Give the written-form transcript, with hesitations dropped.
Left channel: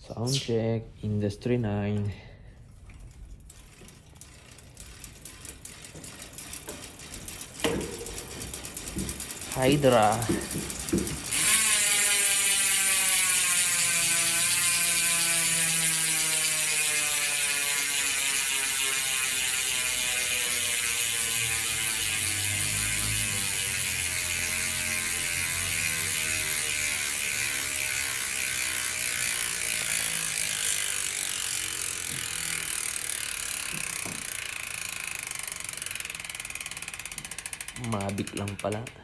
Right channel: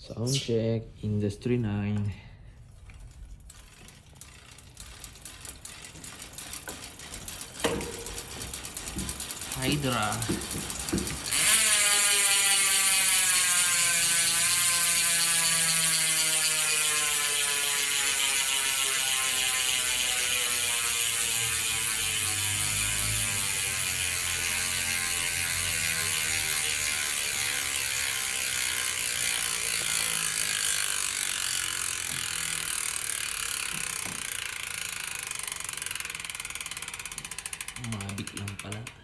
Sound check, Industry 9. Hydra. Mabic lang pala.